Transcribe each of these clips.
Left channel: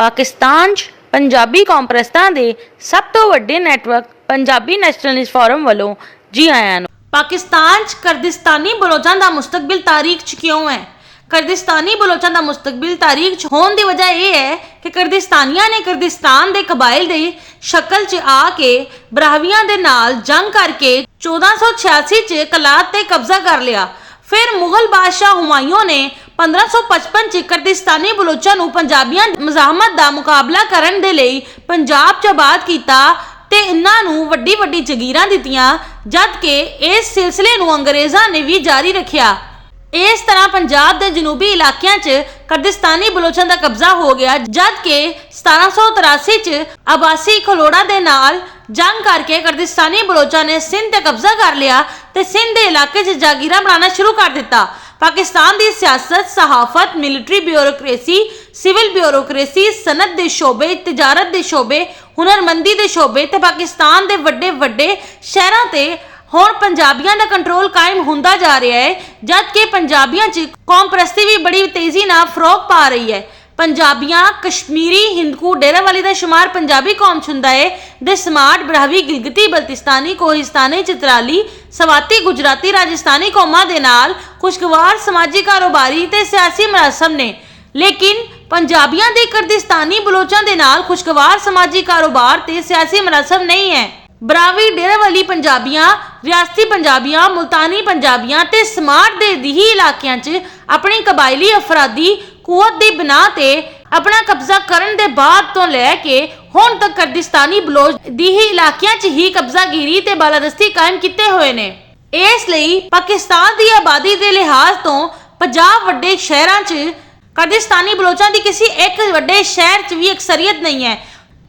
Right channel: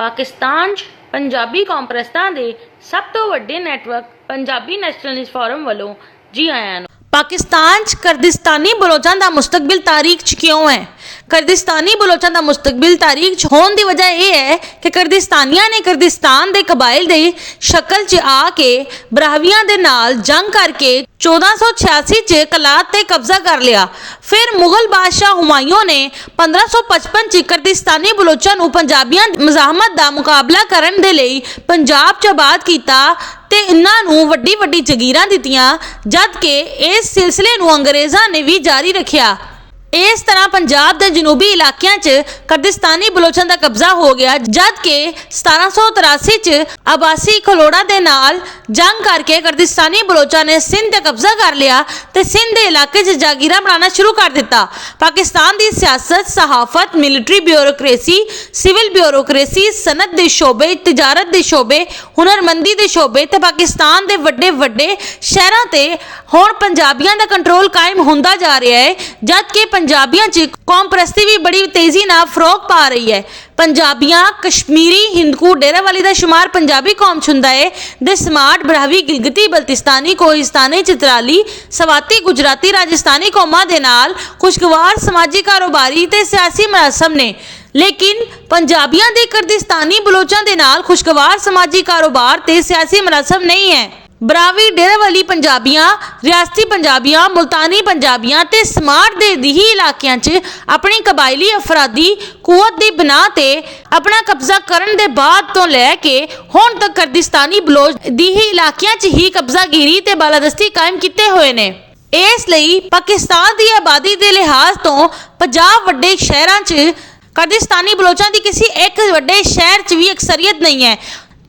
पाकिस्तान 'ਚ पंजाबी कॉन्फ्रेंसां दे सब तो वड्डे नैटवर्क पंजाबी नैशनलिस्ट फोरम वालों जी आयां नूं। पाकिस्तान च कर्दिस्तानी बलोचां दा मुस्तकबिल तारीख च क्यों है? कर्दिस्तानी बलोचां दा मुस्तकबिल तारीख च होने की वजह यह है कि कर्दिस्तानियां ने कर्दिस्तान दे कबाइल दी शक्ल च आके बरावियां दे नाल जंग करके 1486 च कलात ते कब्जा कर लिया। फिर मुगल बादशाह हुमायूं ने 1555 च कर्दिस्तानी बलोचां नूं पंजाबियां दी मज़ाहमत दा मुकाबला करन दे लई पंजाब च आबाद कीता ते इन्हां नूं वड्डी वड्डी जगीरां दित्तियां, जद कि इस सिलसिले नूं अंग्रेज़ां ने भी जारी रखिया। इस तरह पंजाब के जनूबी इलाकों च कर्दिस्तानी बलोचां का कब्जा हो गया, जद कि 1783 च अब्बासी खलोड़ा दे नाल जंग करके कर्दिस्तानी बलोचां ने सिंध ते कब्जा कर लिया ते सिंध के इलाके च जागीरा बनाना शुरू कर दिता। पाकिस्तान की सियासत, सहाफत, मिलिट्री ब्यूरोक्रेसी, सिविल ब्यूरोक्रेसी, सनत के शोबे, तजारत के शोबे, हुनरमंदी के शोबे ते पाकिस्तान के वड्डे वड्डे शहरों ते हुण पंजाबियों का कंट्रोल कायम होंदा जा रहा है, जबकि पंजाबियों च कौम परस्ती भी बड़ी तेजी नाल फरोग पा रही है। पंजाबियां, कश्मीरी, हिंदकू, डेरावाली का शुमार पंजाबी कौम च हुंदा है। दे स्मार्ट, ब्राहवी, गिलगिती, बल्तिस्तानी, कोहिस्तानी, चित्राली, सवाती, गुजराती, राजस्थानी कौमां दे नाल खुशगवार समाजी, कारोबारी ते सियासी मरासम ने, लेकिन पंजाबियां दे कर्दिस्तानी बलोचां दे नाल खुशगवार समाजी, कारोबार ते सियासी मरासम नहीं है। बरावी, डेरावाली पंजाबियां, रियासती पंजाबियां, मुल्तानी पंजाबियां ते स्मार्ट दे दिही इलाकियां च अपनी कबायली अफरादी कुवत दी बिनाह ते अपना कब्जा करन दे बाद तो लैके हुण तक कर्दिस्तानी बलोच दिही इलाकियां च ही कब्जागिरी ते बालादस्ती कायम कीते हुए ने। इस लई पाकिस्तान दी आबादी दे लिहाज तो 50 वड्डे शहरां च कर्दिस्तानी बलोचां दी किसी एक वड्डे शहर च भी अक्सरियत नहीं है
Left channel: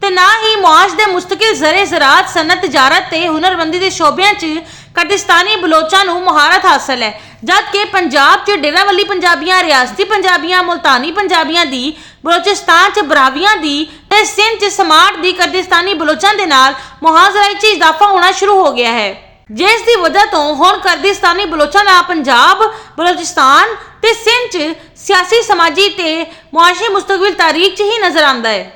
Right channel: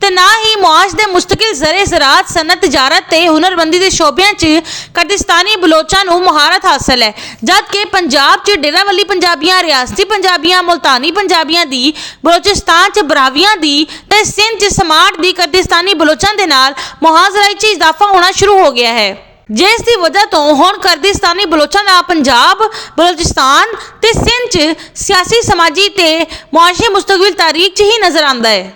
ते ना ही मुआश दे मुस्तकिल ज़रे ज़रात, सनत, तजारत ते हुनरमंदी दे शोबियां च कर्दिस्तानी बलोचां नूं मुहारत हासिल है, जबकि पंजाब च डेरावाली पंजाबियां, रियासती पंजाबियां, मुल्तानी पंजाबियां दी, बलोचिस्तान च बरावियां दी ते सिंध च स्मार्ट दी कर्दिस्तानी बलोचां दे नाल मुहाजराई च इजाफा होना शुरू हो गया है, जिस दी वजह तो हुण कर्दिस्तानी बलोचां दा पंजाब, बलोचिस्तान ते सिंध च सियासी, समाजी ते मुआशी मुस्तकबिल तारीख च ही नजर आंदा है।